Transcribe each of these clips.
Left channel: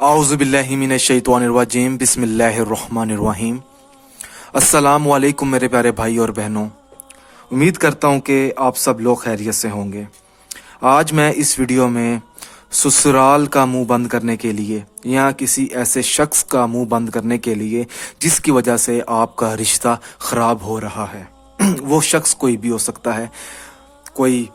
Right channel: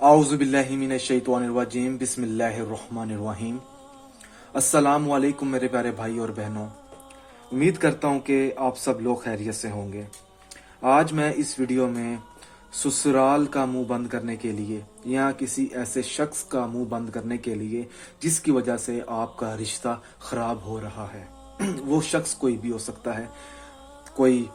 आउज़ुबिल्लाहि मिनश्शैतानिर्रजीम बिस्मिल्लाहिर्रहमानिर्रहीम। अस्सलामु अलैकुम मेरे प्यारे भाई और बहनों, उम्मीद करता हूँ कि आप सब लोग खैरियत से होंगे। आज मैं इस वीडियो में ससुराल का मुंह बंद करने के लिए या किसी ऐसे शख्स का मुंह बंद करने के लिए जिसकी वजह से आपका रिश्ता ख़राब हो रहा है वो शख्स कोई भी हो सकता है, कोई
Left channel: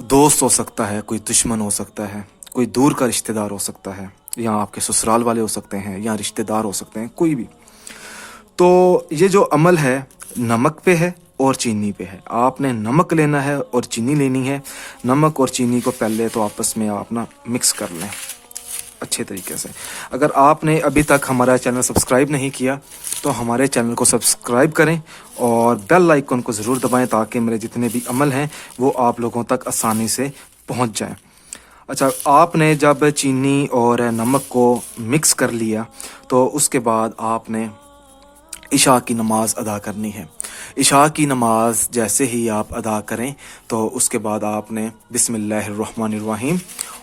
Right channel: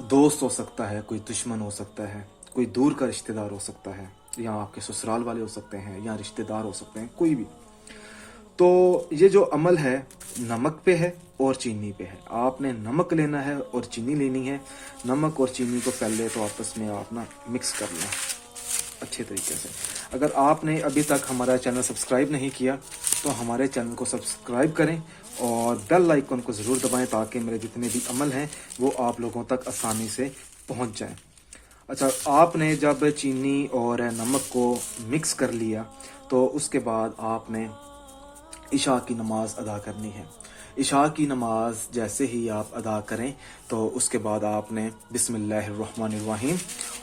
दोस्त हो सकता है, कोई दुश्मन हो सकता है, कोई दूर का रिश्तेदार हो सकता है, या आपके ससुराल वाले हो सकते हैं, या रिश्तेदार हो सकते हैं, कोई भी। तो ये जो अमल है नमक पे है और चीनी पे है। आपने नमक लेना है और चीनी लेनी है। नमक और चीनी को पहले तो आपस में आप ना मिक्स कर लें अच्छे तरीके से। अगर आपने अभी तक हमारा चैनल सब्सक्राइब नहीं किया तो हमारे चैनल को सब्सक्राइब करें और बेल आइकन को ज़रूर दबाएं ताकि मेरे जितने भी अमल हैं वो आप लोगों तक आसानी से पहुंच जाएं। अच्छा, आपने जब चीनी और नमक को मिक्स कर लिया तो उसके बाद आपने इशा की नमाज़ अदा करनी है। इशा की नमाज जैसे ही आप अदा करें तो उसके बाद आपने बिस्मिल्लाहिर्रहमानिर्रहीम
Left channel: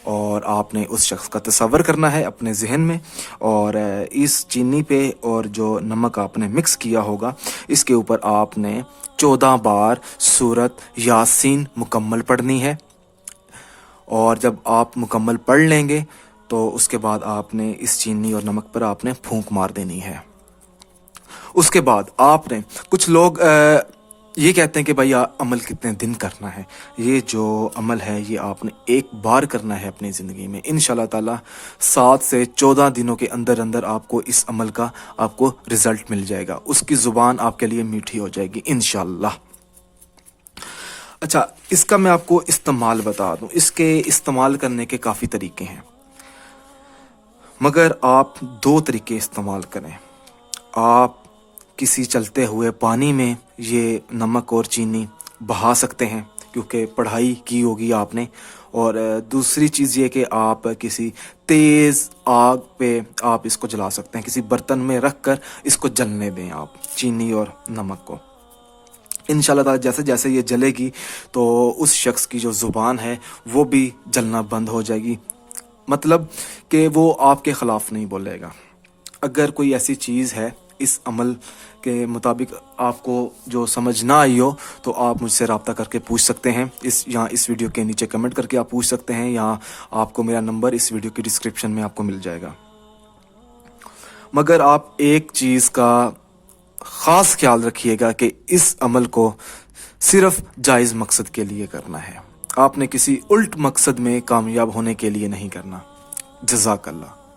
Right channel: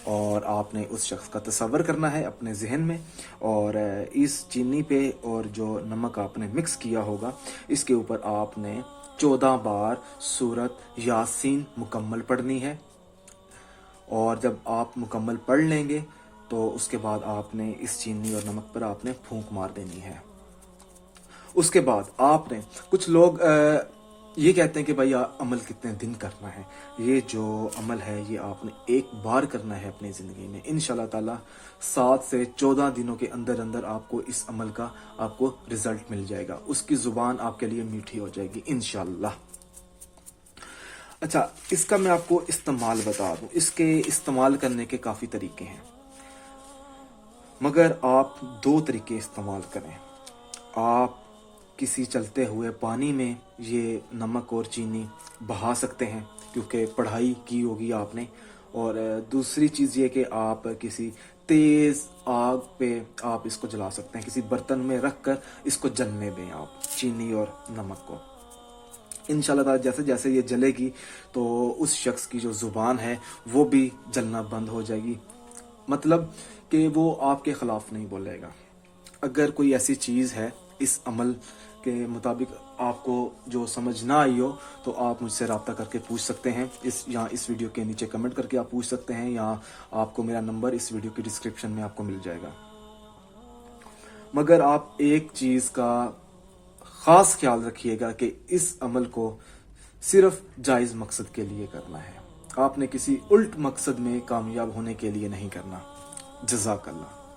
और आपने उस शख्स का तसव्वुर करना है अपने जहन में, और इस चीनी पे और जो नमक आपने मिक्स किया होगा इसके ऊपर आपने 14 बार सूरत यासीन मुकम्मल पढ़नी है। और जब आप मुकम्मल पढ़ लेंगे तो उसके बाद आपने इस चीनी और नमक पर आपने फूंक मार देनी है। उसके बाद आपने, कुछ लोग ये कहते हैं कि भाई अमल कितने दिन करना है। ये जो अमल है ये आपने एक बार करना है अपनी ज़िंदगी में। इंशाल्लाह ताला 7 से 14 दिनों के अंदर अंदर आपको इस अमल का आपको रिज़ल्ट मिल जाएगा। उसकी ज़ुबान आपके लिए मीठी हो जाएगी इंशाल्लाह। अच्छा, इसका मैं आपको इस्तेमाल बता दूं। इसके इस्तेमाल करने के काफ़ी तरीके हैं, मगर आप 2 तरीके इस्तेमाल करें। आप किसी चलते हुए पानी में ये नमक और चीनी बहा सकते हैं क्योंकि पढ़ाई की होगी आपने। और दूसरी चीज़ ये कि आप किसी तेज़ आग पे आप इसको जला सकते हैं। किसी बर्तन में रख कर इसको जलने दें आप चीनी और नमक को। इंशाल्लाह ताला जैसे जैसे ये जलेगी तो उस शख्स की जो ज़ुबान है वो भी जलना बंद हो जाएगी, मतलब कि वो आपके ख़िलाफ़ नहीं बोलेगा। अगर कोई ऐसी चीज़ है इस अमल के मुताबिक आपको जो समझ ना आई हो तो आप मुझसे रब्ता करके पूछ सकते हैं। इस वीडियो के नीचे कमेंट करके आप पूछ सकते हैं, या आपको मेरा नंबर इस वीडियो की डिस्क्रिप्शन में आपको मिल जाएगा। मगर आप एक चीज़ का ख़ास ख्याल रखिएगा कि इस अमल को सिर्फ जायज़ मकसद के लिए करना है। आपने किसी उल्ट मकसद में कामयाब होने के लिए नहीं करना। जज़ाकल्लाह।